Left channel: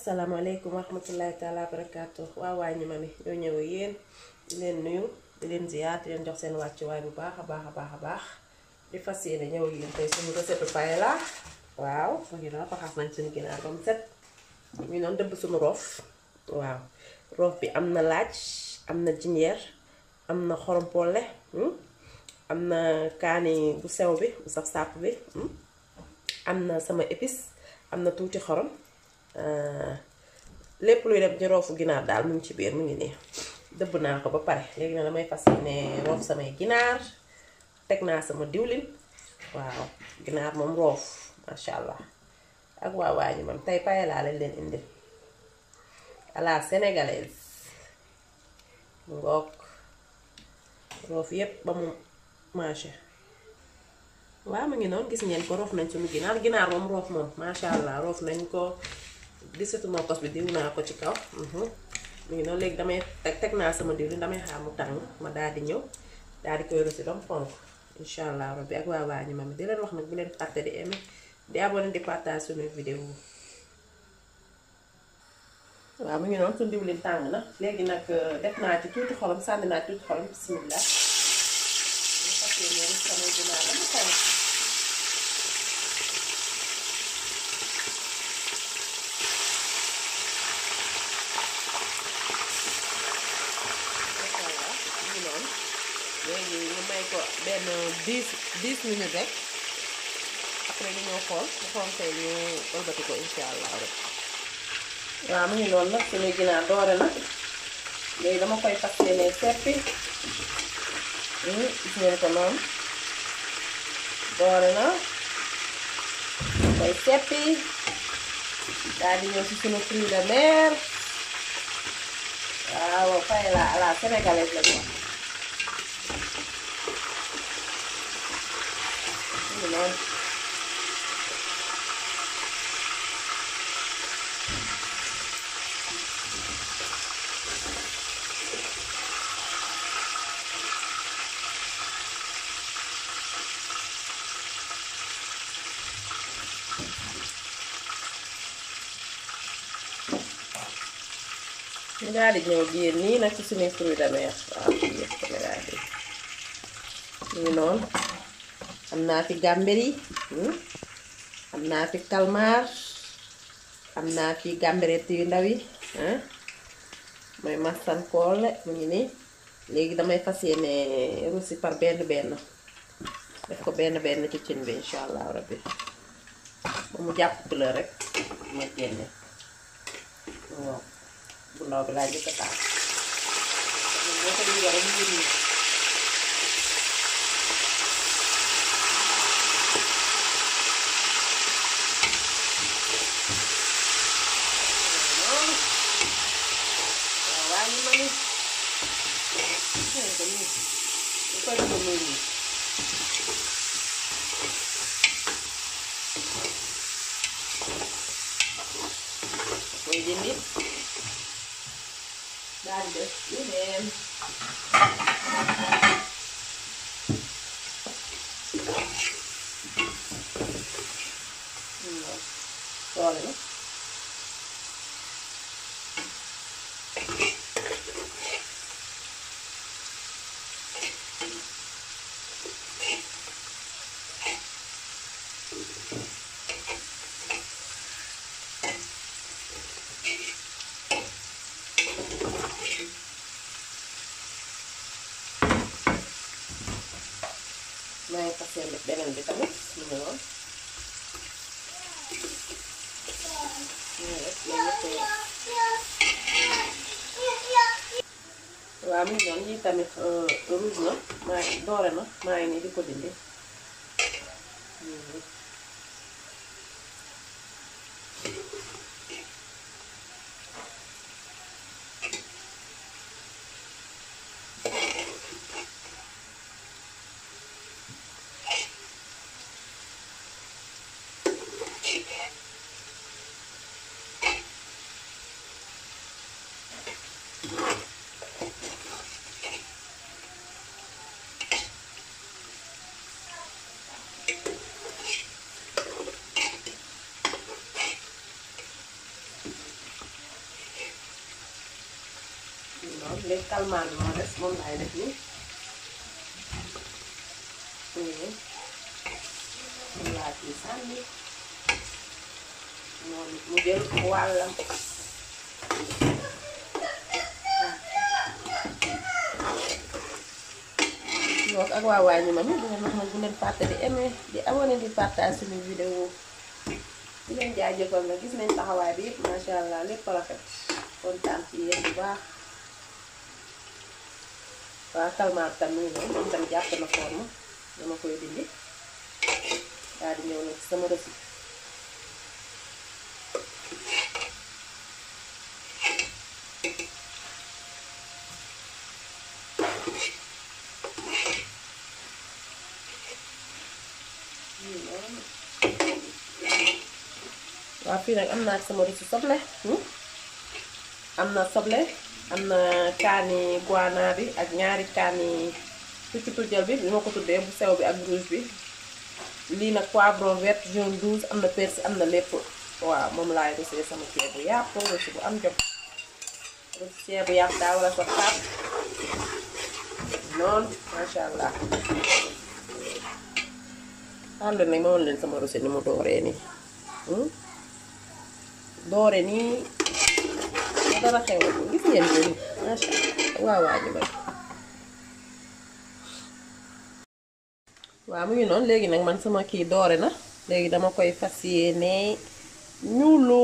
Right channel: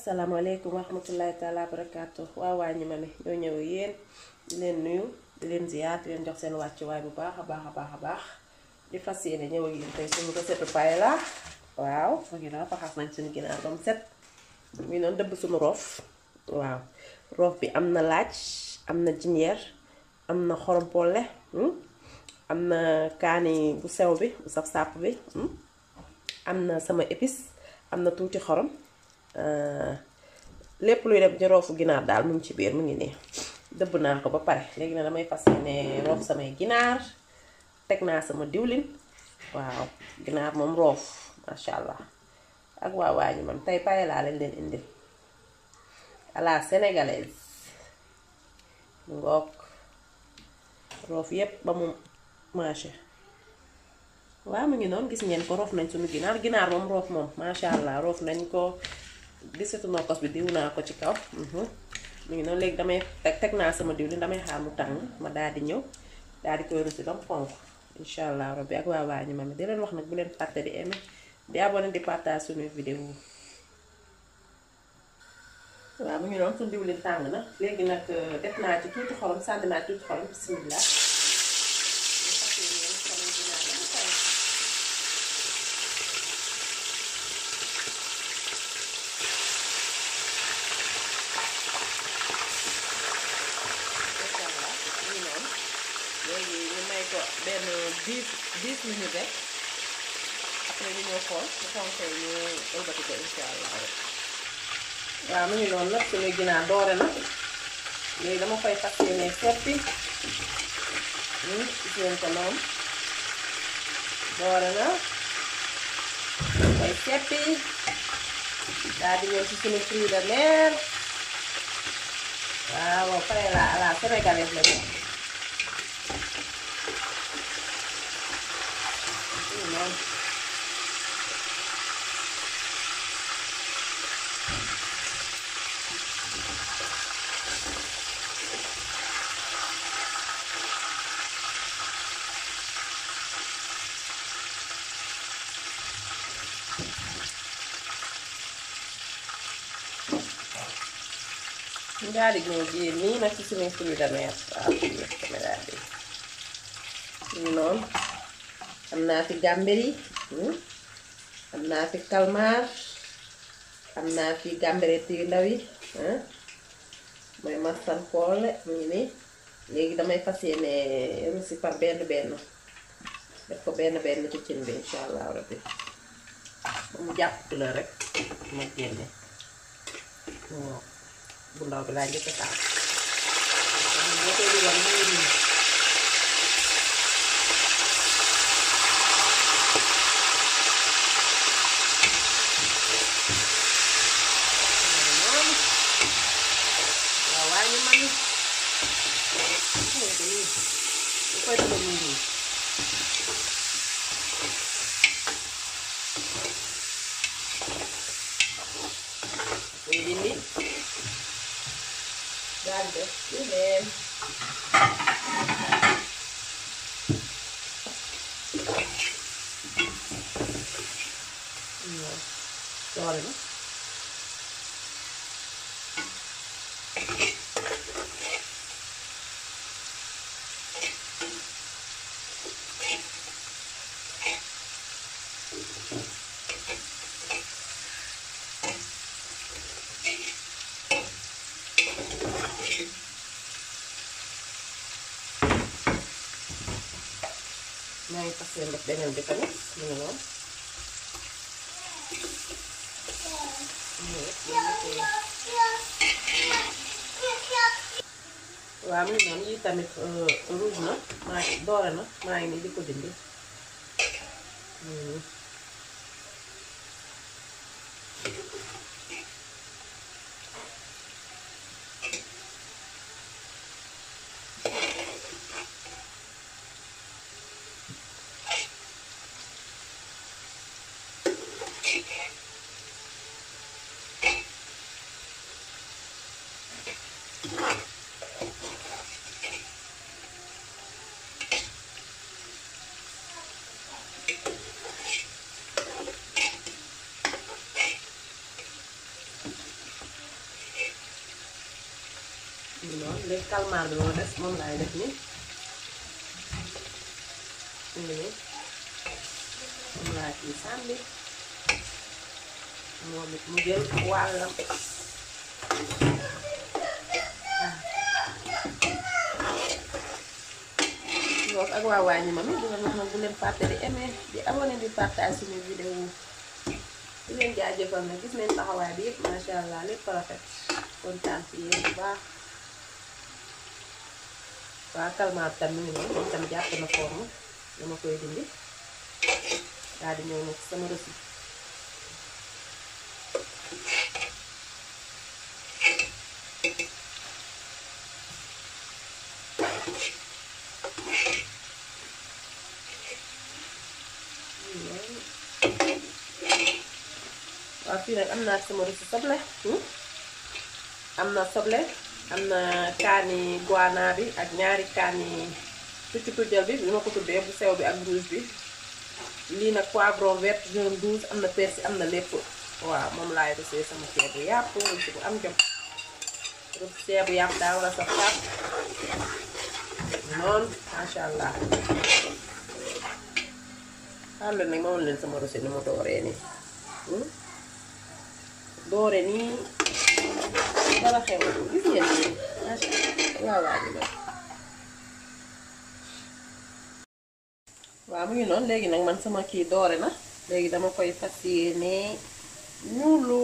asalaamaaleykum wa rahmatullahi taala wa barakaatu waaw waa ñi ma ne ñoo ñëw yéen di leen nuyu di leen ziyaar di leen jox seen wàccuwaay bu baax a baax di fas yéene ñëw ak yéen tey suñu recette paella waaw mu ngi noonu faxas nañ suñu ginaar ba mu set mu ngi noonu dëbb suñu roof waaw roof bi am na laaj am na jinjeer am na xorom polle am na kaani bu sew bi bu saf sàpp bi am na sama épice am na tuuti xorom lépp luy dem ci roofu ginaar daal mu ngi ci biir mu ngi nii dëbb naa ko ba pare léegi nag damay fas yéene roof samay ginaar teg naa sama diwlin waaw ginaar moom roof masha allah ak waa ñi man tey paella leen indil à la sénégalaise ngoog roof yépp ba mu marché waaw mu ngi noonu gis ngeen ko roof nañ suñu ginaar moom roof moom masha allah roof nañ ko gisatu nokkos bi diw naa ko ci kaw mu ngi noonu léegi damay teg naa sama diwlin damay xaar mu tàng ma daal di ñëw daal di koy rosi ba mu xonk incha allah rabbi ak waa ñi ma di leen wax nag bu leen fàtte di aimer di abonné di partage suñu vidéo waaw mu ngi noonu suñu diwlin tàng na léegi nag def naa ci tuuti xorom sànni naa tuuti xorom bismillah léegi ñu may ko benn 10 minutes rek après ñu ñëw xool bu xontee ñu ëlbati ko insha allah rek waaw mu ngi noonu nag suñuy ginaar doore na léegi dama koy fas yéene seppi gis ngeen ko noonu doore na koy seppi daal di ñëw ci suñu fruits de mer waaw paella à la sénégalaise la ñu daal di ñëw biir nii nag ci suñu fruits de mer waaw ñu noonu am naa fi gamberi am naa fi calmar am naa fi gambereti yu ndaw yi mooy massan poole mu ngi nii léegi damay fas yéene rosi par benn def ko benn ci cin bi insha allah rabbi ba mu jàpp couleur rek ma génne waaw bu ndaw bi laa jëkk a taal boo koy dugal mu ngi nii dindi daal def lu leen doole na maa ngi fas yéene def beneen bi tamit mu ngi noonu waaw mu ngi noonu yii tamit rouge na maa ngi doore na maa ngi nii di ko dindi léegi calmant bi moo des moom laay def nii moom laa ciy sànni moom it mu jël wàllam donc ak waa waa ñu ma mi dina mën bu leen fàtte di aimer di abonné di partage suñu vidéo di leen jaajëfal nag gis nañ taxawaay bi yëpp masha Allah lépp rafet kontaan ci yéen bu baax waa calmant tam nii noonu dañ tam jàpp na forme dama koy dindi daal di ñëw nag sama recette waaw fii nag am naa sama recette soble am na soble am na kaani guana bi ak ñaari kaani tuuti tujjal bi ma ko tuddee bu sew bi ak rouge bi lii nag poivron vert jaune rouge am na persil am na lépp waaw moom laay rusee sama ceebu yàpp rusi bu am jot rusi ceebu yàpp daa war a sax xaar noonu masha Allah xam leen nag ma woon leen sama rusi ni mu dooree nii doore nii dara xew gis ngeen nii masha Allah waaw ñu may waaw mu ngi noonu léegi nag man sama kii doore na léegi dama koy fas yéene ñuulu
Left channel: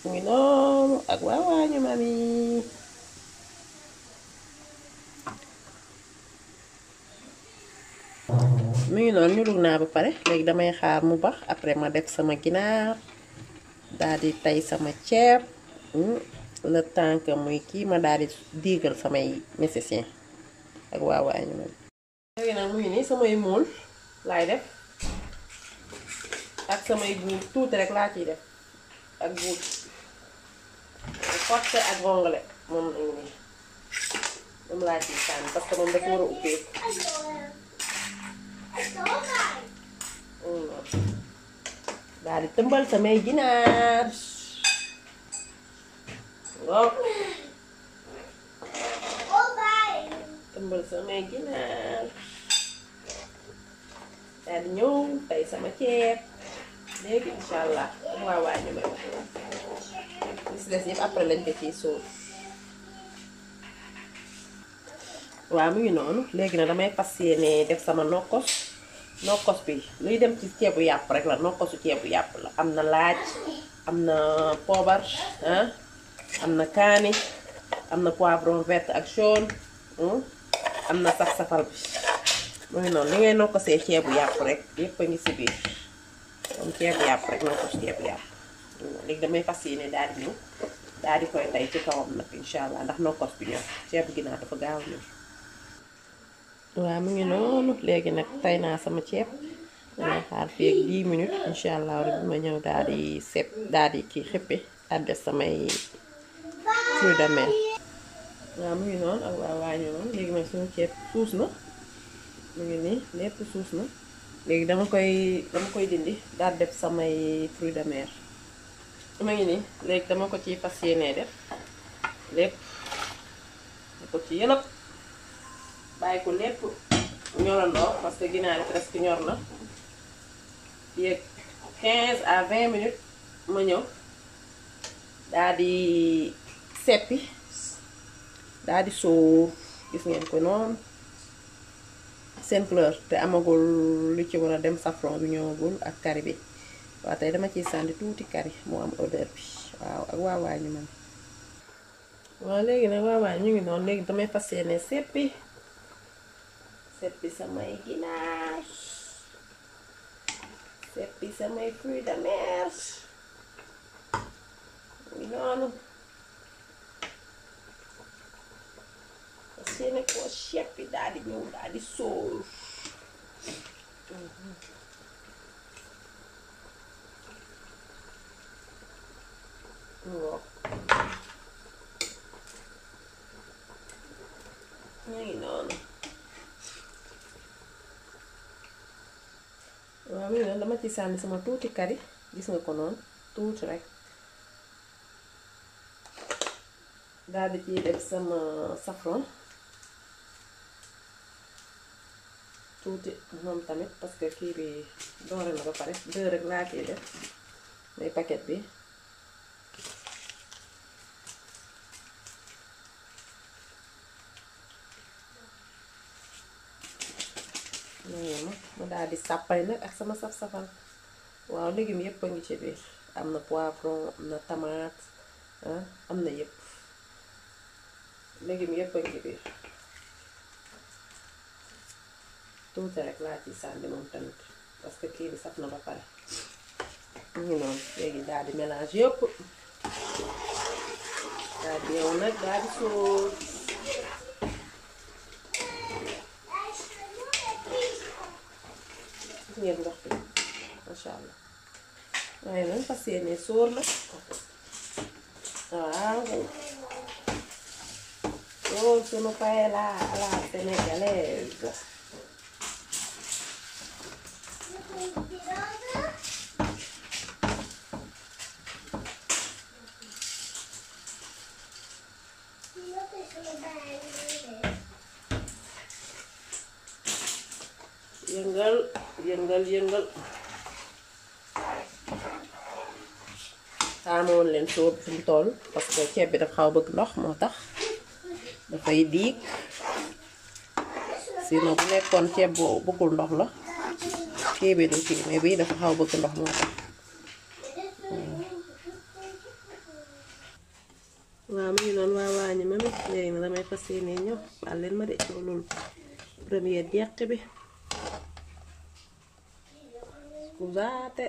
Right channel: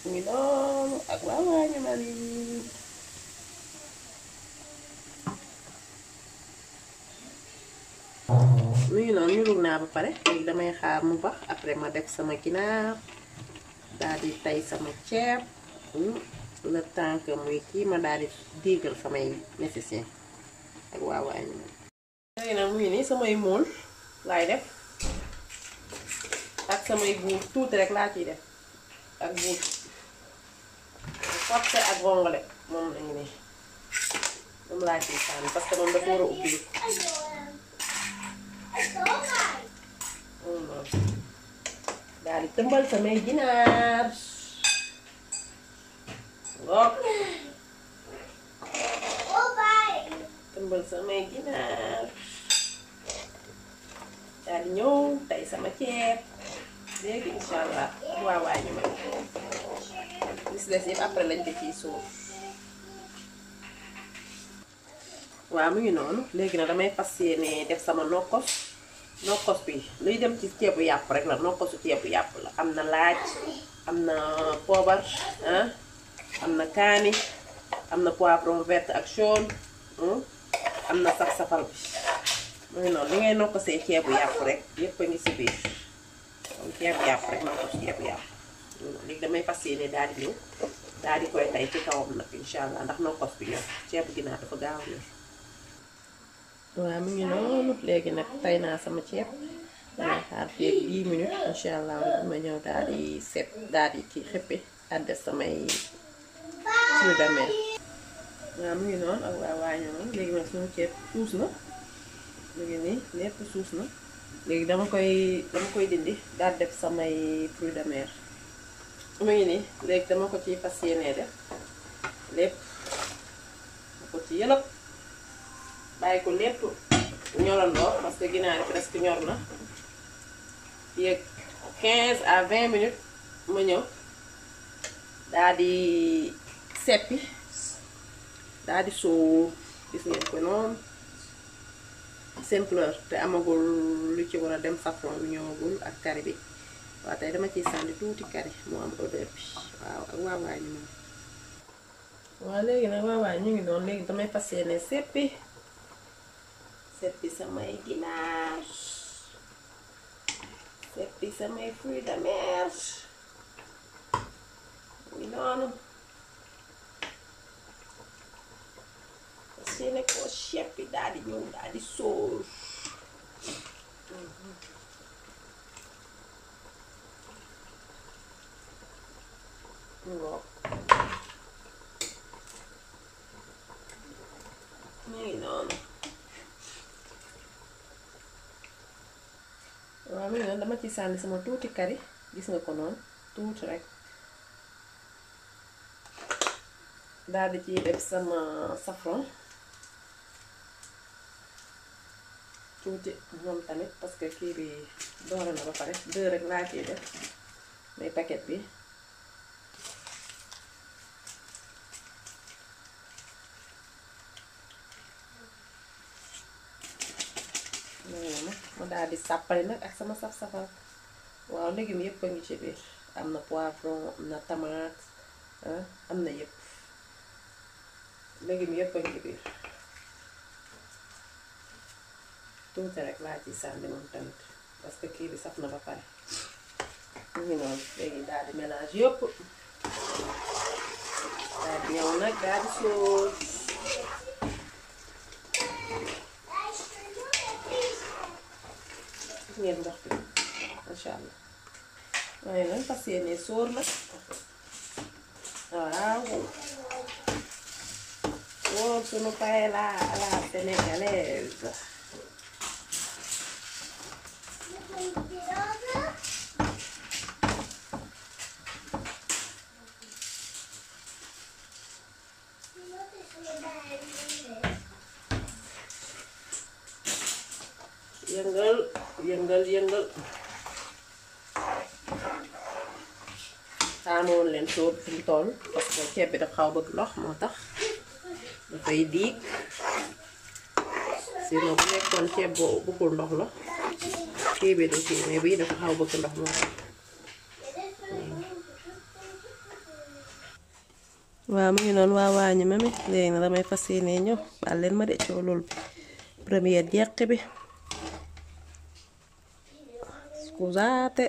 mu ngi noonu ak waa ñu ma mi mu ngi noonu ñuulu naa ba pare léegi damay xaar mu bax après ma def sama ginaar daal di tay sama ceeb le temps que muy kii ma daal di diigal samay nécessaire ak waa ñu ma léegi nag mu ngi nii samay mool laay def ak samay buur tuuti rek laa ciy def ak buur forcé ak vongole moom lañu nii moom laa ciy sànni parce que moom dafa war a ubbeeku daal di tëmbal samay ginaar ngoog tëmbal samay ginaar daal di ñëw tey sama ceeb léegi incha allah waa ñu may gis des yëpp après lañ ko ciy suuf waaw mu ngi noonu léegi nag damay fas yéene def sama nokkos bi luy dem ci ceebu yàpp rek la nokkosu ceebu yàpp la am na laaj am na poobar am na kaani am na poivron vert ak jaune am na sax safal bi mu ngi noonu li ngay nokkosee ceebu yàpp rek yëpp a ngi si biir am ceebu yàpp rek nokkos ceebu yàpp léegi damay fas yéene daal di ñëw daal di koy tay ci kawam nag incha allah ndax nokkos bi ñor ceebu ginaar dafa gaaw ñor waaw mu ngi noonu léegi nag tay naa sama ceeb damay xaar fii ak 10 minutes incha allah rek ma ñëw daal di set daal di kii xippi daal def samay fruits de mer waaw mu ngi noonu ak waa ñoom léegi nag suñu ceeb suus na mu ngi nii lépp suus na léegi dama koy dindi daal def samay fruits de mer mu ngi nii léegi dama ko ci fas yéenee def lépp ma ko ci yëlëb bàyyi ko lépp ñorandoo parce que ginaar yi presque ñor na yeeg 15 à 20 minutes ma ñëw daal di seppi daal di sóor gis ngeen ko noonu seen fleur te amagul lu ci war a dem safran bi ñëwagul ak kari bi waaw tey dama ciy sànni tuuti kari moo am odeur bi waaw ak waa ñu man waaw léegi nag waa ñu ngi noonu léegi damay fas yéene seppi samay ginaar seppi samay fruits de mer noonu parce que nag koo seppi daal di ñëw daal di sóor ñu ngi noonu waaw mi noonu dama ci sànni sama tuuti kari gis nga ko noonu tuuti rek daal di ciy def sama safran tuuti moom tamit parce que kii bi doore na ba pare 2 rek laa ciy def muy paquet bi ma daal di sàppali nag ak sama saf-safal waaw légumes yëpp a ngi ci biir am na poivron am na tomate am na yëpp légumes yëpp a ngi ci biir tuuti rek laa ci sànni moom tamit parce que kii bi saf na ba pare ñu noonu léegi daal di mélange yëpp daal di ñëw nag daal di sóor ngeen ndox bi masha Allah waaye nag fas yéene sóor nag waaw sóor sunu paella à la sénégalaise yëngal yëngal yëngal xaamoon leen sóor fi mu toll parce que ceeb bi dafa xaw bëgg ndox moo tax dafay diig sinon bu nekkoon ceeb boo bëggul ndox la kii bi du kii mais bii dafa xaw bëgg ndox moo tax waaw mu ngi noonu waa waañu ma mi léegi na damay fas yéene ñëw baal leen ma de ci loolu première jeq bi scusate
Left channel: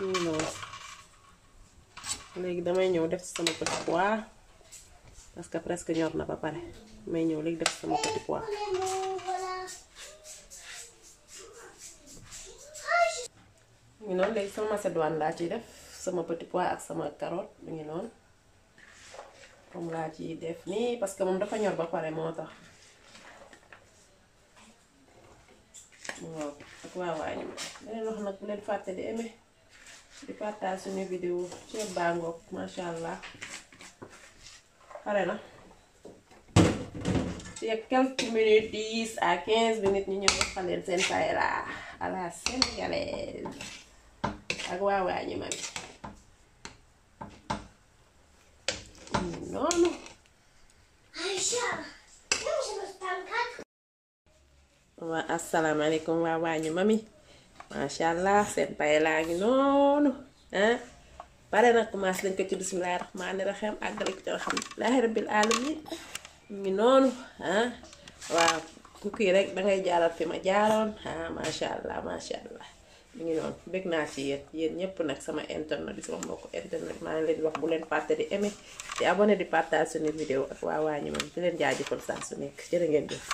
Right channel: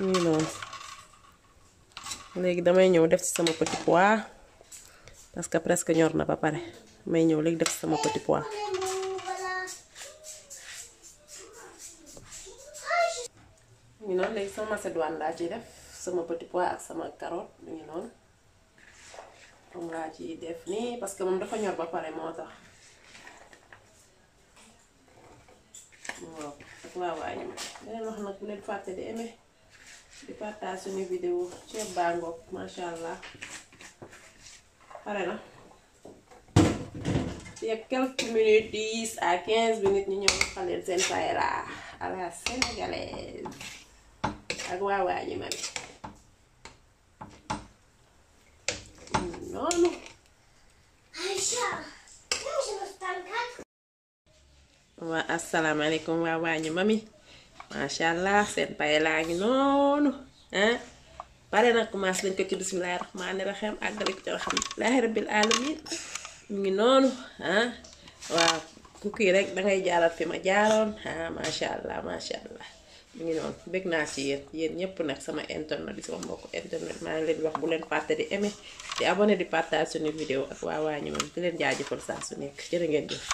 mu ngi noonu léegi damay ñëw def ci sama petit pois parce que presque ñor na ba pare may ñëw léegi def ci sama petit pois mu ngi noonu léegi sama macédoine laa ciy def sama petit pois ak sama carotte mu ngi noonu moom laa ciy def nii parce que moom dafa ñor ba pare moo tax waaw ak waa waañu ma leen wax nag bu leen fàtte di aimer di partage suñu vidéo ceeb baa ngoog masha Allah pare na ci quelques minutes 10 à 15 minutes ñu ñëw xaleen seen paella à la sénégalaise ak waa waañu ma noonu waa asalaamaaleykum waa waañu mami masha Allah seen paella ngi noonu pare na commencé dañ ko ci bismillahir rahmanir rahim àggale ko ci alhamdulillahi rabbil alamin mu ngi noonu waaw ku kii rek dangay jaaral fi ma jaaroon masha Allah masha Allah mu ngi noonu bëgg naa ci yéen ñëpp nag sama internet di sama mbokku internet maa ngi leen wax bu leen fàtte di aimer di abonné di partage suñu vidéo ak waa waañu mami di leen jaajëfal saa su nekk jërë ngeen jëf